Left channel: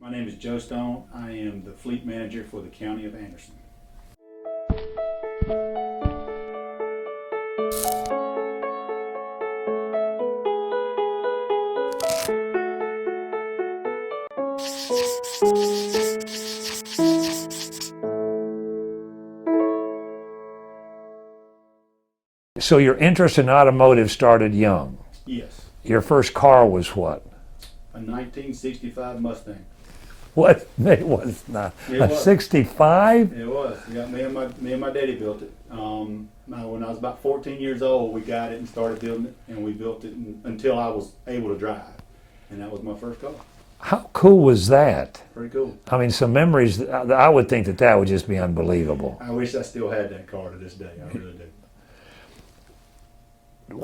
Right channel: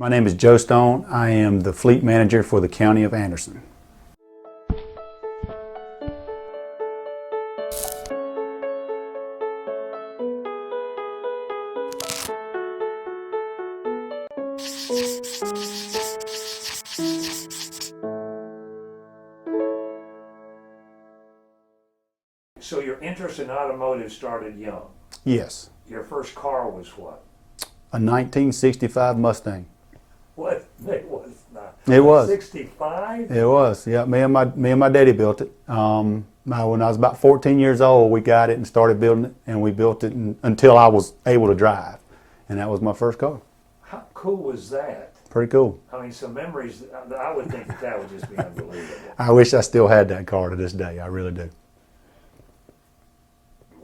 My name is Joe Stone. I am the fleet manager for the County of Anderson. So your interest in automotive started young. Yes. Your first car was what? A 1965 Mustang. What? It was not. It was 65. It was. Yeah. Me and my daddy built it. When I was about 14 years old, we got it and started building it, and we built it until I was able to drive, and that was my first car. How cool was that? Pretty cool. I mean, some memories. I would think that would just be unbelievable. I wish I still had that car to this day. I really do.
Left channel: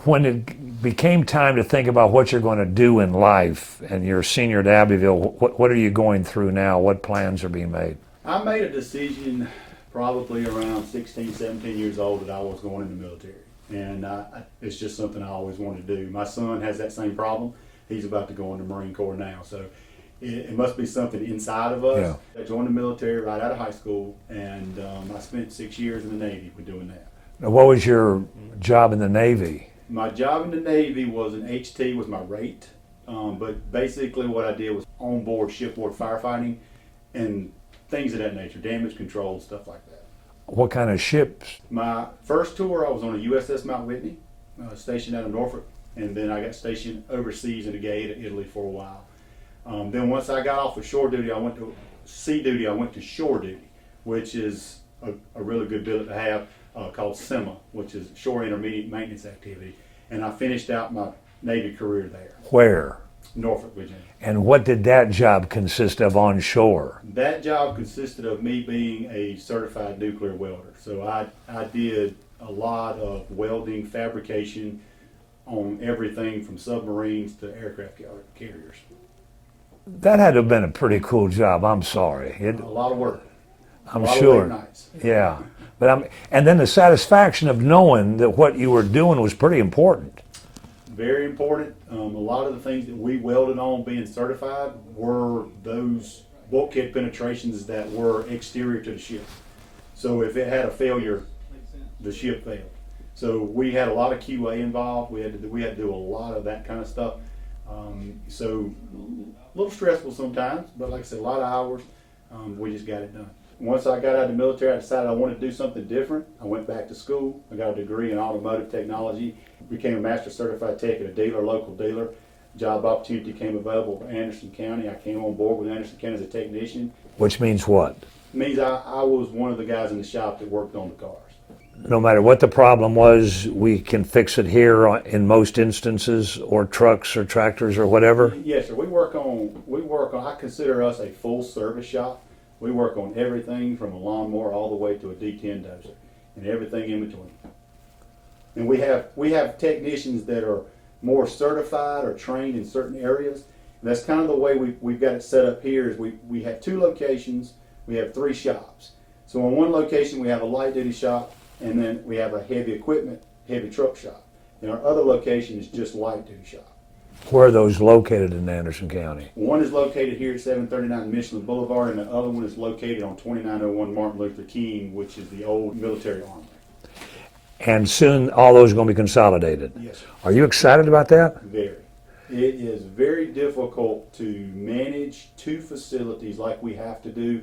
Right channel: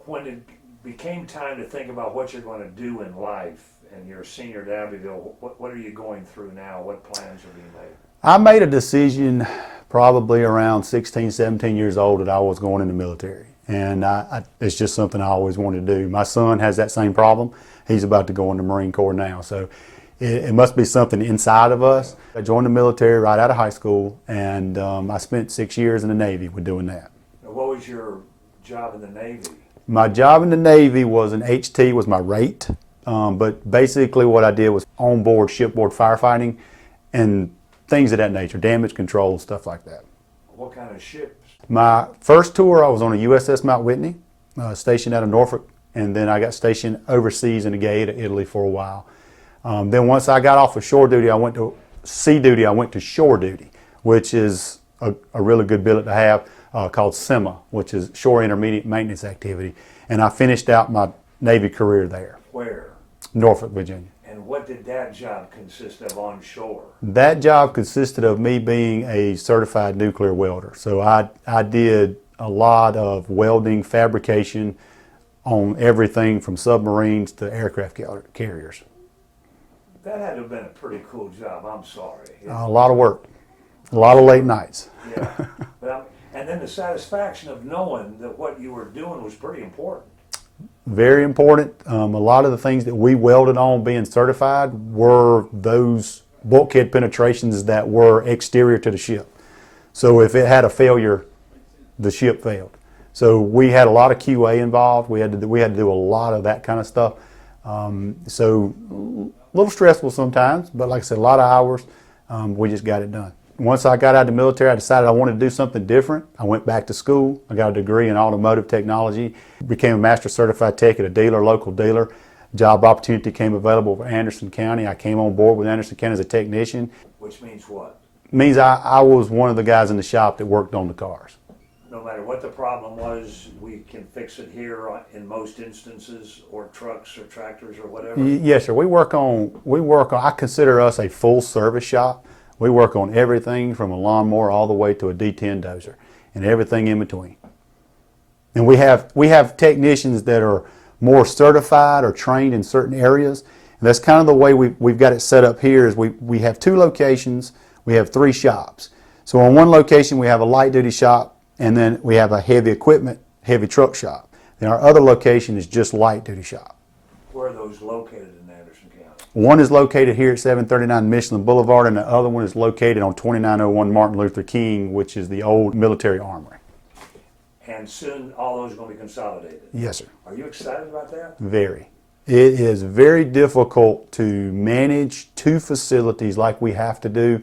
When it became time to think about what you're going to do in life, and you're a senior at Abbeville, what are you going through now? What plans are being made? I made a decision probably around 16, 17 years old that I was going in the military. And it's just something I always wanted to do. My son has that same problem. He's about to go in the Marine Corps now. So it must be something inside of us. Yeah. I joined the military right out of high school, and I spent 6 years in the Navy with doing that. Now, what was your job in the Navy? My job in the Navy was an HT, was my rate. But basically what I did was onboard shipboard firefighting and things of that nature, damage control, stuff like that. What kind of ships? My first tour, I was on a USS Mount Whitney, stationed out of Norfolk, and then I got stationed overseas in the Gay to Italy for a while. Then once I got off of shore duty, I went to sea duty, I went to shore duty, which is a really good billet to have. Called SEMA, which is Shore Intermediate Maintenance Activity. And I finished out my Navy career there. Where? Norfolk, Virginia. And what did that job consist of on shore? That job consisted of me being a certified nuclear welder. So I did a lot of welding, fabrication on everything from submarines to aircraft carriers. That had to have been a pretty cool job, I'm sorry. A lot of work. A lot of late nights. Yeah, and then the satisfaction of knowing that what you were doing was pretty important. Very important. A lot of the things that we welded on being certified were those bulkhead penetrations that were exterior to the ship. So if it had a failure, the ship failed. So we had a lot of QA involved. We had to do a lot of that kind of stuff. So a little stressful sometimes, but like I said, a lot of hours. We just got it done. Once I got out of the military, I decided I wanted to do something different. I went back to school. I got a degree in automotive technology, became a master certified tech at a local dealer. Job opportunity came available for Henderson County. I came on board with Henderson Kent as a technician. Which means what? It means I was one of the guys in the shop that worked on the cars. No matter what the problem was, we can fix it here in most instances, or trucks or tractors or whatever? Yes, sir. We work on, I consider us a full service shop. We work on everything from a lawnmower all the way to a D10 dozer and everything in between. And we have technicians that are more certified or trained in certain areas. And that's kind of the way we've got it set up here is we have 2 locations, we have 3 shops. So on one location we have a light duty shop, and then we have a heavy equipment, heavy truck shop. Then our other location is just light duty shop. Where are those located in Anderson County? One is located here at 739 Michelin Boulevard, and the other one is located on 2901 Martin Luther King, which is the old military armory. And soon all those are going to be consolidated? Yes, sir. Are you excited about that? Very. It is very difficult to manage 2 facilities like we have to do.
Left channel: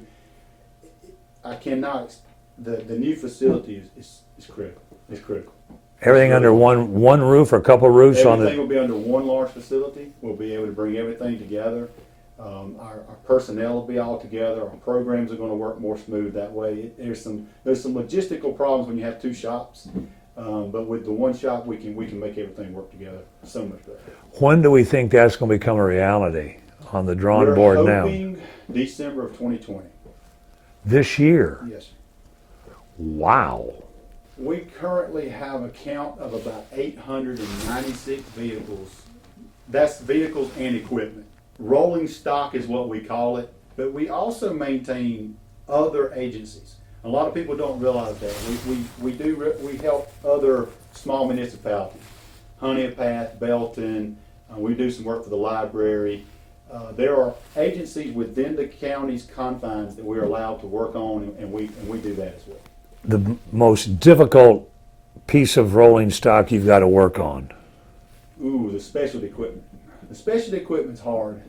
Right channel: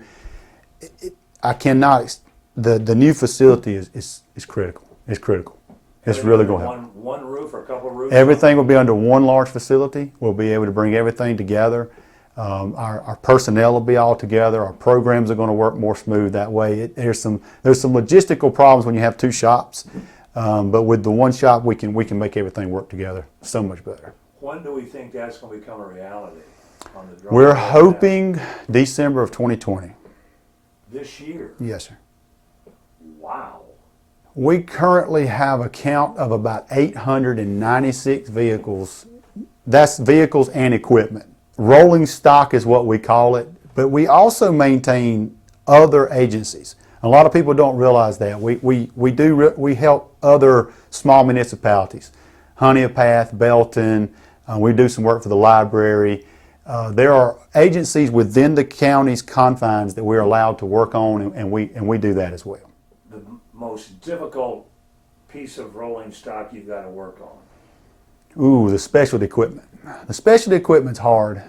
I cannot, the new facility is critical. It's critical. Everything really under one roof or a couple roofs? Everything will be under one large facility. We'll be able to bring everything together. Our personnel will be all together. Our programs are going to work more smooth that way. There's some logistical problems when you have 2 shops, but with the one shop we can make everything work together so much better. When do we think that's going to become a reality on the drawing board now? We're hoping December of 2020. This year? Yes, sir. Wow. We currently have a count of about 896 vehicles. That's vehicles and equipment. Rolling stock is what we call it, but we also maintain other agencies. A lot of people don't realize that. We help other small municipalities. Honea Path, Belton, we do some work for the library. There are agencies within the county's confines that we're allowed to work on, and we do that as well. The most difficult piece of rolling stock you've got to work on? Ooh, the specialty equipment. The specialty equipment's hard,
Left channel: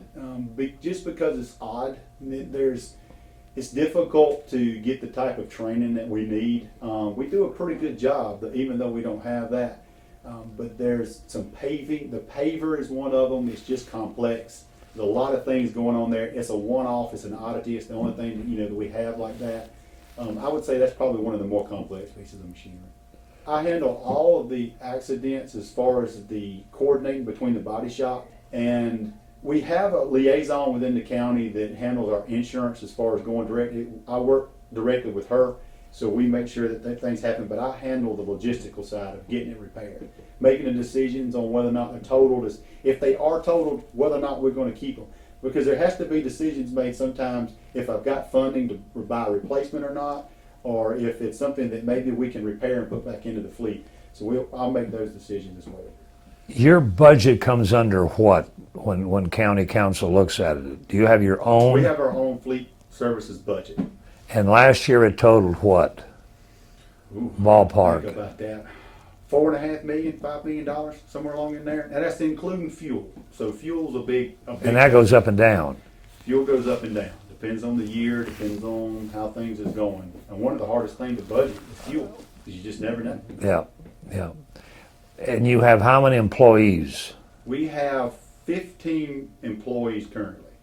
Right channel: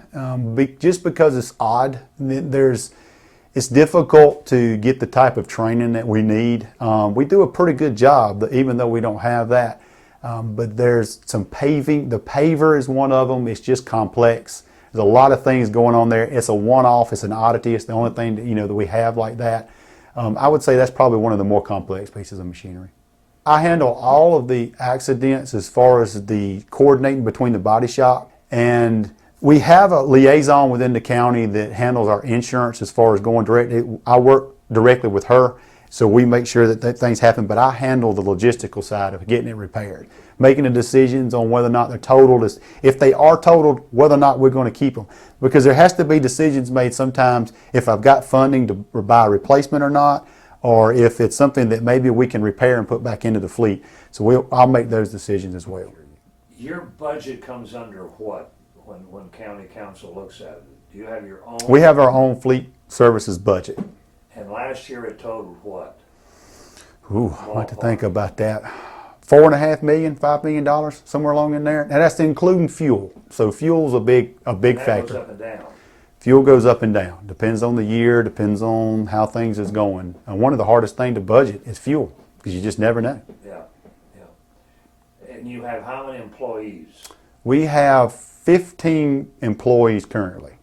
just because it's odd. It's difficult to get the type of training that we need. We do a pretty good job, even though we don't have that. But there's some paving. The paver is one of them. It's just complex. There's a lot of things going on there. It's a one-off. It's an oddity. It's the only thing that we have like that. I would say that's probably one of the more complex pieces of machinery. I handle all of the accidents as far as the coordinating between the body shop, and we have a liaison within the county that handles our insurance as far as going direct. I work directly with her, so we make sure that things happen, but I handle the logistical side of getting it repaired, making the decisions on whether or not they're totaled. If they are totaled, whether or not we're going to keep them. Because there has to be decisions made sometimes if I've got funding to buy a replacement or not, or if it's something that maybe we can repair and put back into the fleet. So I'll make those decisions as well. Your budget comes under what when county council looks at it? Do you have your own? We have our own fleet services budget. And last year it totaled what? Ooh, ballpark. Think about that. $4.5 million, $5 million, somewhere along in there. And that's including fuel. So fuel's a big And that factor. goes up and down. Fuel goes up and down. Depends on the year, depends on how things is going. And one of the hardest things to budget is fuel, because you just never know. Yeah, yeah. And you have how many employees? We have 15 employees currently.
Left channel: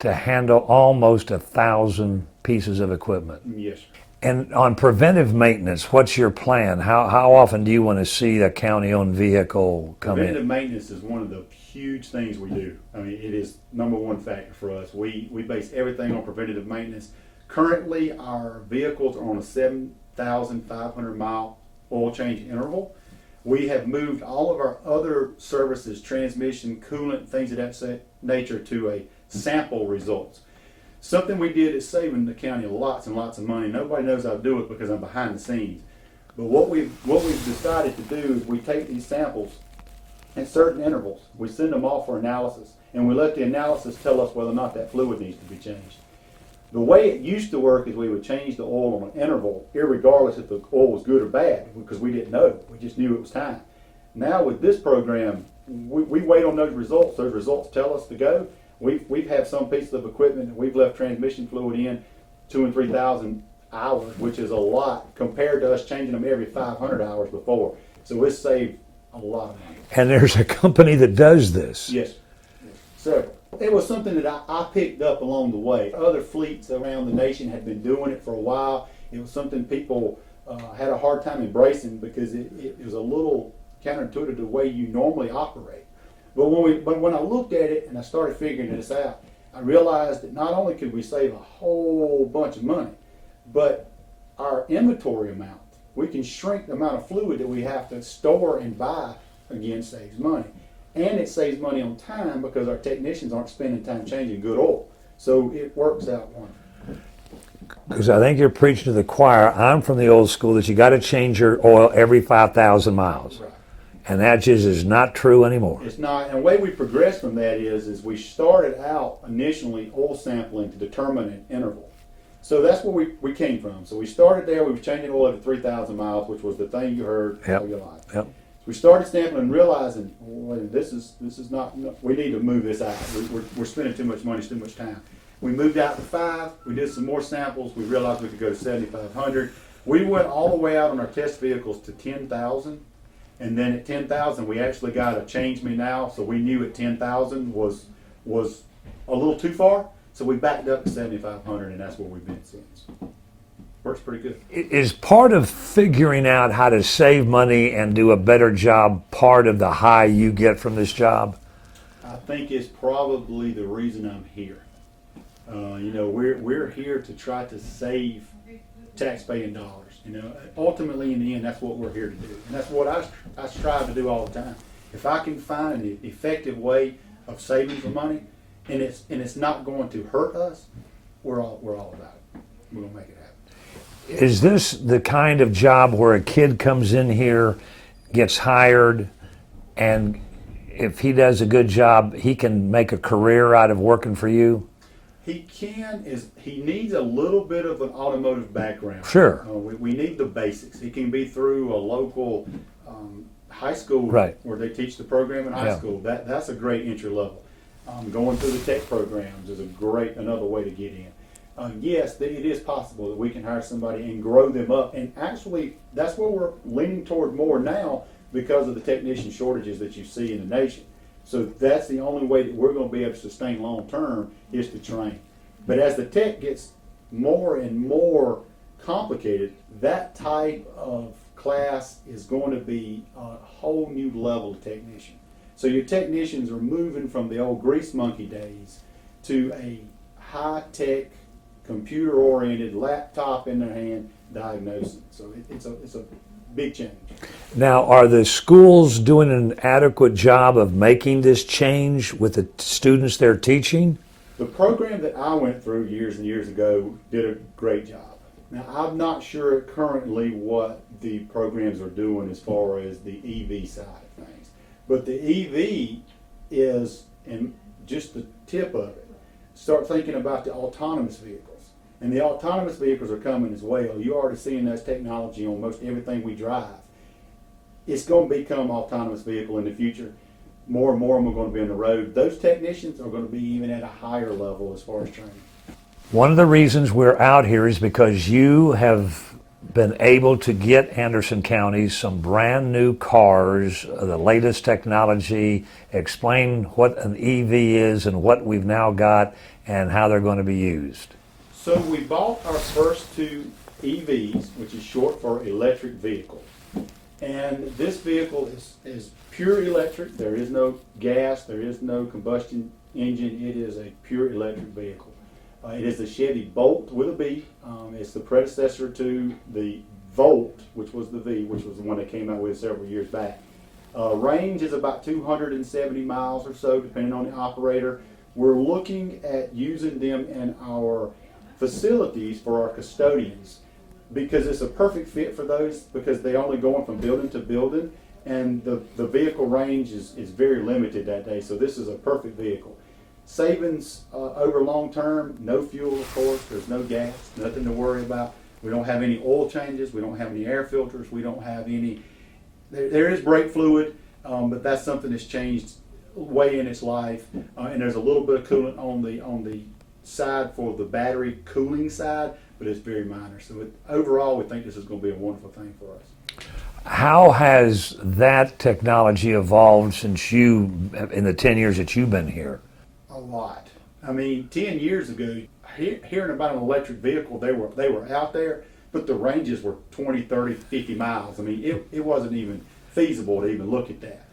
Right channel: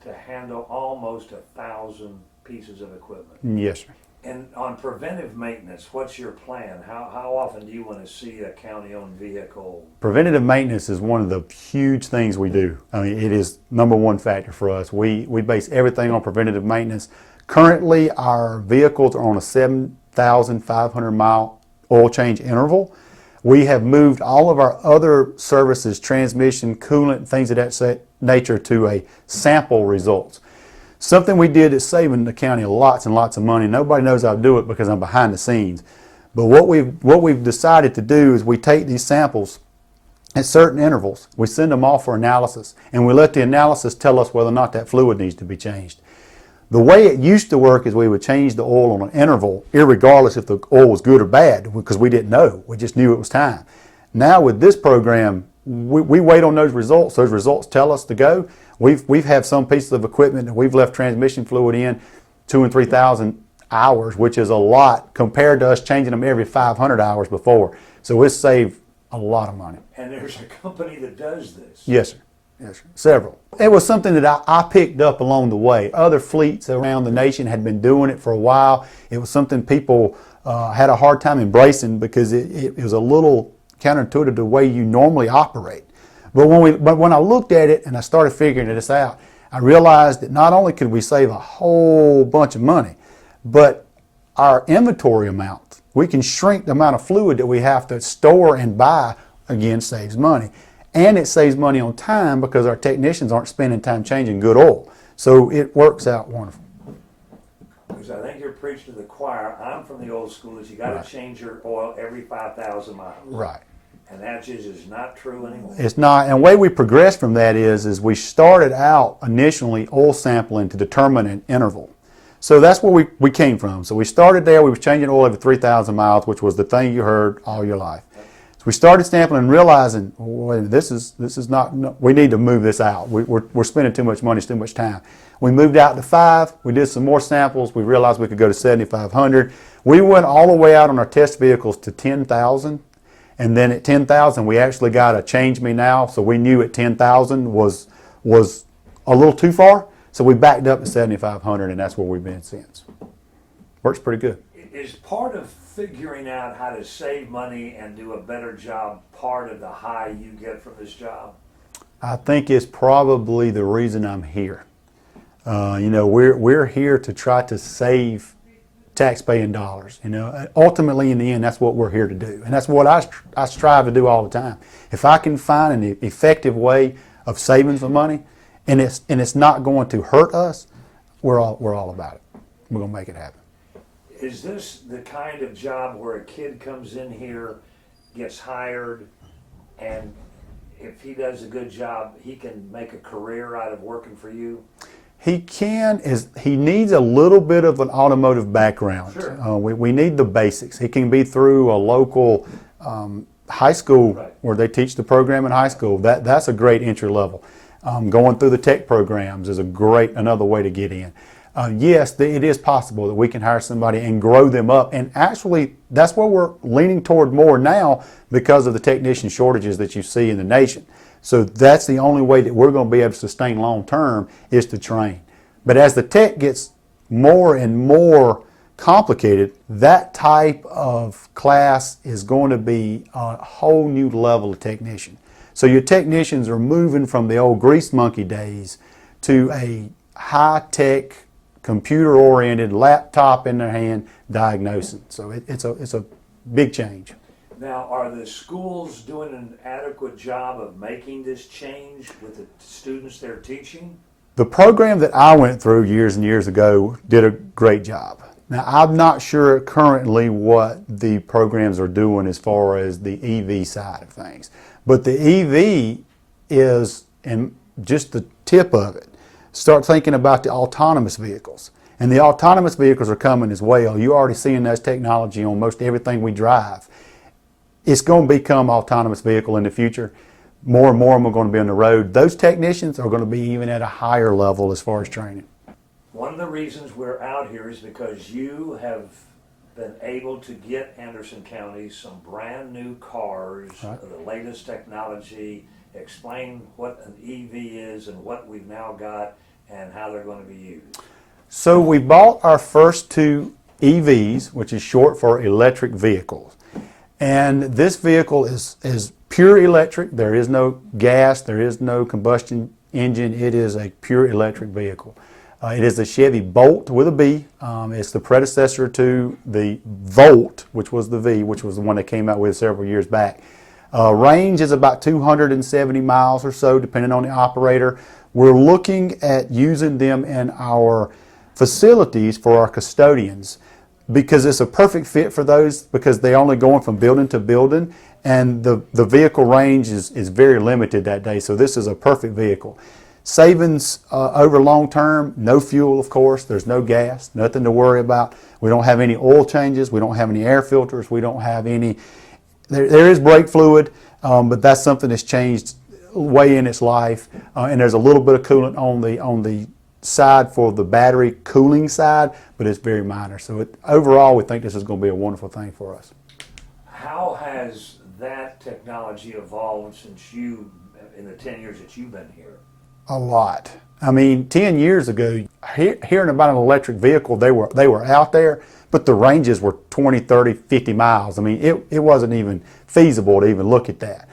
To handle almost 1,000 pieces of equipment. Yes, sir. And on preventive maintenance, what's your plan? How often do you want to see a county-owned vehicle come in? Preventative maintenance is one of the huge things we do. I mean, it is number one factor for us. We base everything on preventative maintenance. Currently, our vehicles are on a 7,500 mile oil change interval. We have moved all of our other services, transmission, coolant, things of that nature, to a sample results. Something we did that's saving the county lots and lots of money. Nobody knows I do it because I'm behind the scenes. But what we've decided to do is we take these samples at certain intervals. We send them off for analysis, and we let the analysis tell us whether or not that fluid needs to be changed. The way it used to work is we would change the oil on an interval, irregardless if the oil was good or bad, because we didn't know. We just knew it was time. Now with this program, we wait on those results. Those results tell us to go. We've had some pieces of equipment that we've left transmission fluid in 2,000 and 3,000 hours, which is a lot compared to us changing them every 500 hours before. So it's saved a lot of money. And there's a company that does this. Yes, sir. Yes, sir. Several. It was something that I picked up along the way. Other fleets around the nation had been doing it for a while. It was something people had a hard time embracing because it was a little counterintuitive to the way you normally operate. But when I looked at it and I started figuring this out, I realized that not only could we save a whole bunch of money, but our inventory amount, we can shrink the amount of fluid that we have to store and buy, again, saves money. And it saves money on time because our technicians aren't spending time changing good oil. So it works out wonderful. Because I think you're preaching to the choir. I'm from the old school that you got to change your oil every 5,000 miles. Right. And that just is not true anymore. It's not. And the way we progressed from that is we started out initially oil sampling to determine an interval. So that's where we came from. So we started there. We were changing oil every 3,000 miles, which was the thing you heard all your life. Yep. So we started sampling and realizing, wait, this is not. We need to move this out. We're spending too much money, too much time. We moved out to 5. We did some more samples. We realized we could go to 7,500. We went all the way out on our test vehicles to 10,000. And then at 10,000, we actually got a change me now. So we knew at 10,000 was a little too far. So we backed up to 7,500, and that's where we've been since. Works pretty good. Is part of figuring out how to save money and do a better job part of the high you get from this job? I think it's probably the reason I'm here. We're here to try to save tax-paying dollars. Ultimately, in the end, that's what we're here to do, and that's what I strive to do all the time. If I can find an effective way of saving some money, and it's not going to hurt us, we're all about it. We're gonna make it happen. Is this the kind of job where a kid comes in here, gets hired, and if he does a good job, he can make a career out of working for you? He he needs a little bit of an automotive background. Sure. We need the basics. He can be through a local high school Right. where they teach the program in high Yeah. school. That's a great entry level. Going through the tech programs is another way to get in. Yes, it is possible that we can hire somebody and grow them up. And actually, that's what we're leaning toward more now because of the technician shortages that you see in the nation. So that's the only way that we're going to be able to sustain long term is to train. But as the tech gets more and more complicated, that type of class is going to be a whole new level of technician. So your technicians are moving from the old grease monkey days to a high-tech, computer-oriented laptop in their hand diagnosing. So it's a big change. Now, are the schools doing an adequate job of making this change with the students they're teaching? The program that I went through years and years ago did a great job. Now, I'm not sure currently what the programs are doing as far as the EV side of things. But the EV is just the tip of it. Start thinking about the autonomous vehicles. And the autonomous vehicles are coming as well. You're already seeing that technology on most everything we drive. It's going to become autonomous vehicle in the future. More and more of them are going to be on the road. Those technicians are going to be even at a higher level as far as training. One of the reasons we're out here is because you have been able to get Henderson County some brand new cars, the latest technology. Explain what an EV is and what we've now got and how they're going to be used. So we bought our first two EVs, which is short for electric vehicle. And this vehicle is pure electric. There is no gas, there is no combustion engine. It is a pure electric vehicle. It is a Chevy Bolt with a B. It's the predecessor to the Volt, which was the V, which was the one they came out with several years back. Range is about 270 miles or so, depending on the operator. We're looking at using them in our facilities for our custodians because it's a perfect fit for those because they're only going from building to building and the vehicle range is very limited that day. So this is a perfect vehicle. Savings over long term, no fuel, of course. There's no gas, nothing to worry about. We don't have any oil changes. We don't have any air filters. We don't have any. There is brake fluid, but that's something that's changed way in its life. And there's a little bit of coolant on the side for the battery cooling side, but it's very minor. So overall, we think this is going to be a wonderful thing for us. How has that technology evolved since in the 10 years that you've been here? A lot. I mean, 10 years ago, hearing about an electric vehicle, they were out there, but the ranges were 20, 30, 50 miles. I mean, it wasn't even feasible to even look at that.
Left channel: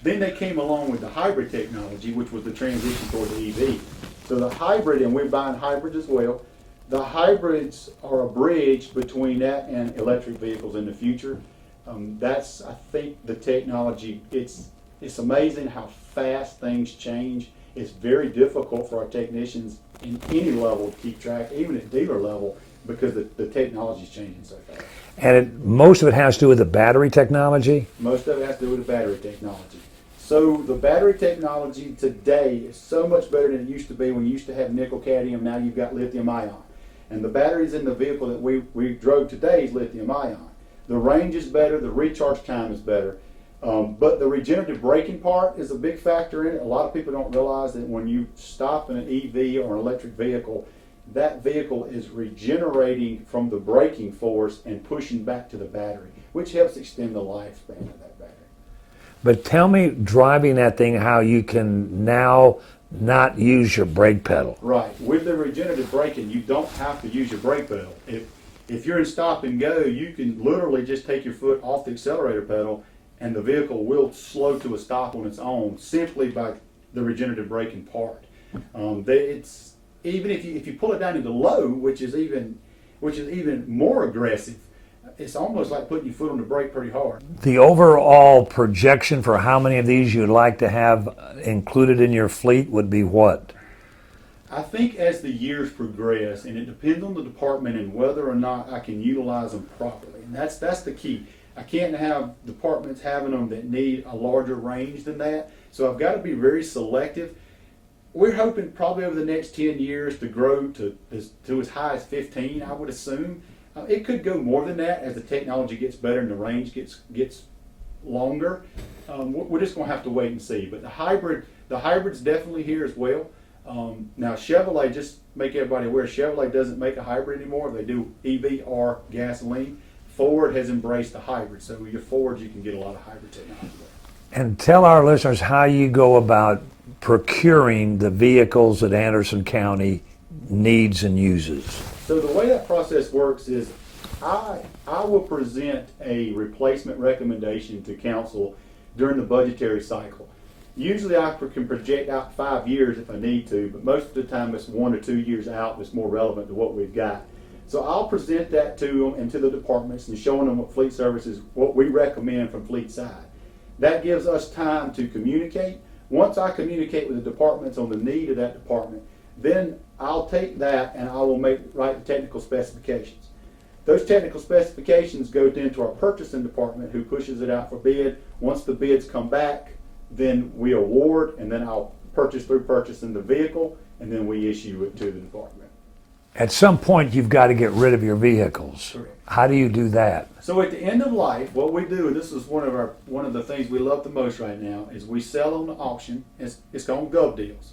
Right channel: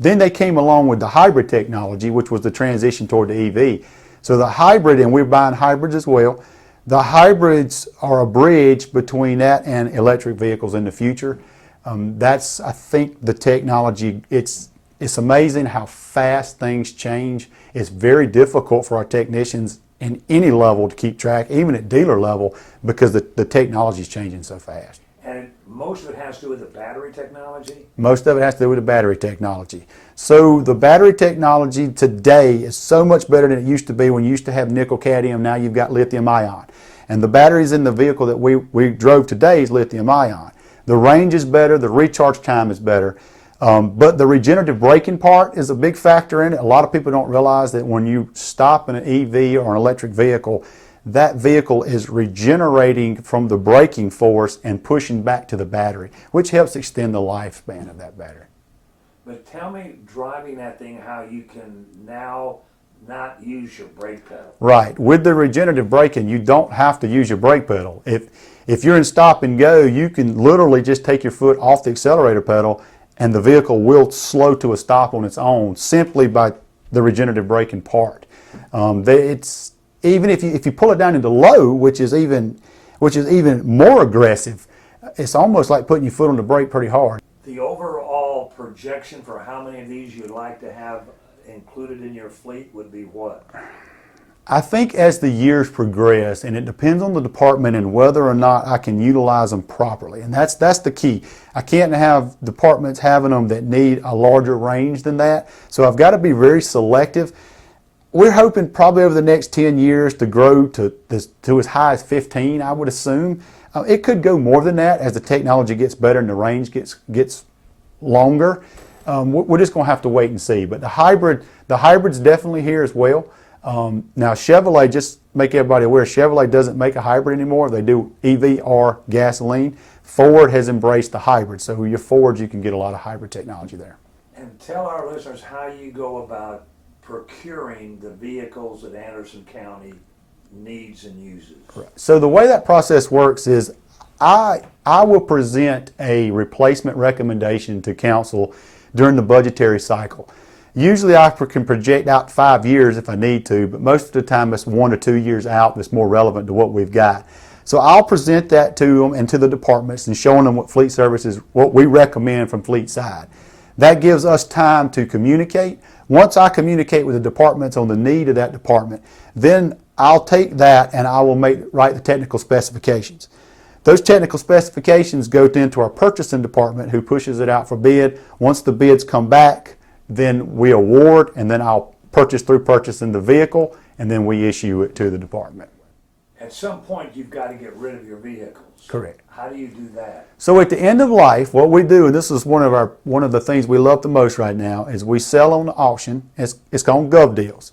Then they came along with the hybrid technology, which was the transition toward the EV. So the hybrid, and we're buying hybrids as well, the hybrids are a bridge between that and electric vehicles in the future. That's, I think, the technology. It's amazing how fast things change. It's very difficult for our technicians in any level to keep track, even at dealer level, because the technology is changing so fast. And most of it has to do with the battery technology? Most of it has to do with the battery technology. So the battery technology today is so much better than it used to be when you used to have nickel cadmium. Now you've got lithium ion. And the batteries in the vehicle that we drove today is lithium ion. The range is better, the recharge time is better. But the regenerative braking part is a big factor in it. A lot of people don't realize that when you stop in an EV or an electric vehicle, that vehicle is regenerating from the braking force and pushing back to the battery, which helps extend the lifespan of that battery. But tell me, driving that thing, how you can now not use your brake pedal. Right. With the regenerative braking, you don't have to use your brake pedal. If you're in stop and go, you can literally just take your foot off the accelerator pedal and the vehicle will slow to a stop on its own simply by the regenerative braking part. It's even if you pull it down into low, which is even more aggressive, it's almost like putting your foot on the brake pretty hard. The overall projection for how many of these you'd like to have included in your fleet would be what? I think as the years progress, and it depends on the department and whether or not I can utilize them properly, and that's the key. I can't have departments having them that need a larger range than that, so I've got to be very selective. We're hoping probably over the next 10 years to grow to as high as 15, I would assume. It could go more than that as the technology gets better and the range gets longer. We're just going to have to wait and see. But the hybrid's definitely here as well. Now Chevrolet, just make everybody aware, Chevrolet doesn't make a hybrid anymore. They do EV or gasoline. Ford has embraced the hybrid. So with your Fords, you can get a lot of hybrid technology there. And tell our listeners how you go about procuring the vehicles that Henderson County needs and uses. So the way that process works is I will present a replacement recommendation to council during the budgetary cycle. Usually I can project out 5 years if I need to, but most of the time it's 1 or 2 years out that's more relevant to what we've got. So I'll present that to them and to the departments and showing them what fleet services, what we recommend from fleet side. That gives us time to communicate. Once I communicate with the departments on the need of that department, then I'll take that and I will write the technical specifications. Those technical specifications go into our purchasing department who pushes it out for bid. Once the bids come back, then we award, and then I'll purchase through purchasing the vehicle, and then we issue it to the department. At some point, you've got to get rid of your vehicles. Correct. How do you do that? So at the end of life, what we do, and this is one of the things we love the most right now, is we sell on the auction. It's called Gov Deals.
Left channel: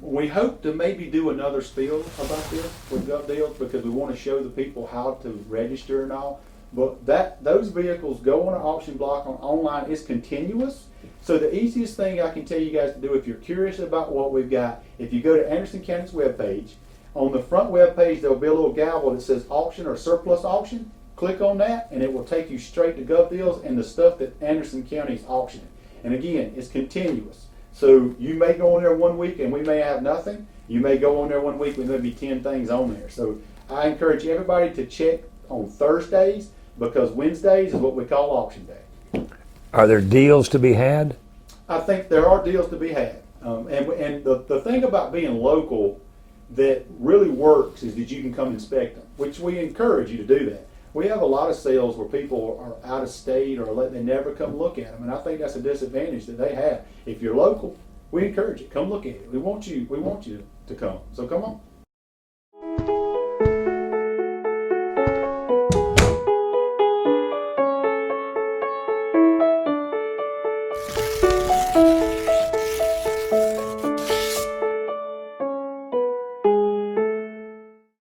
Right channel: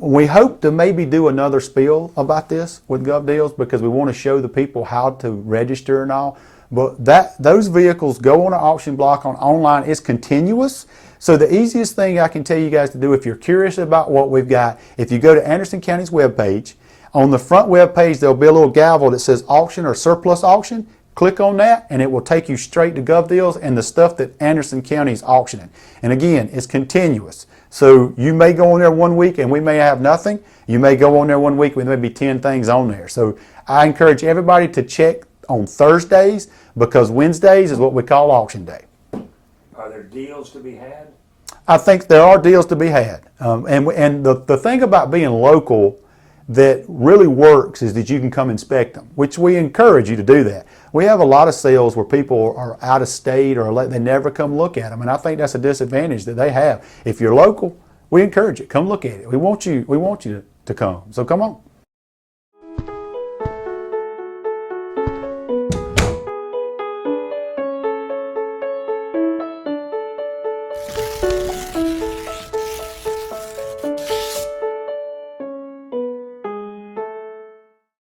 We hope to maybe do another spiel about this with Gov Deals because we want to show the people how to register and all. But those vehicles go on an auction block online. It's continuous. So the easiest thing I can tell you guys to do if you're curious about what we've got, if you go to Anderson County's webpage, on the front web page there'll be a little gavel that says auction or surplus auction. Click on that and it will take you straight to Gov Deals and the stuff that Anderson County's auctioning. And again, it's continuous. So you may go on there 1 week and we may have nothing. You may go on there 1 week with maybe 10 things on there. So I encourage everybody to check on Thursdays because Wednesdays is what we call auction day. Are there deals to be had? I think there are deals to be had. And the thing about being local that really works is that you can come inspect them, which we encourage you to do that. We have a lot of sales where people are out of state or they never come look at them, and I think that's a disadvantage that they have. If you're local, we encourage it. Come look at it. We want you to come. So come on.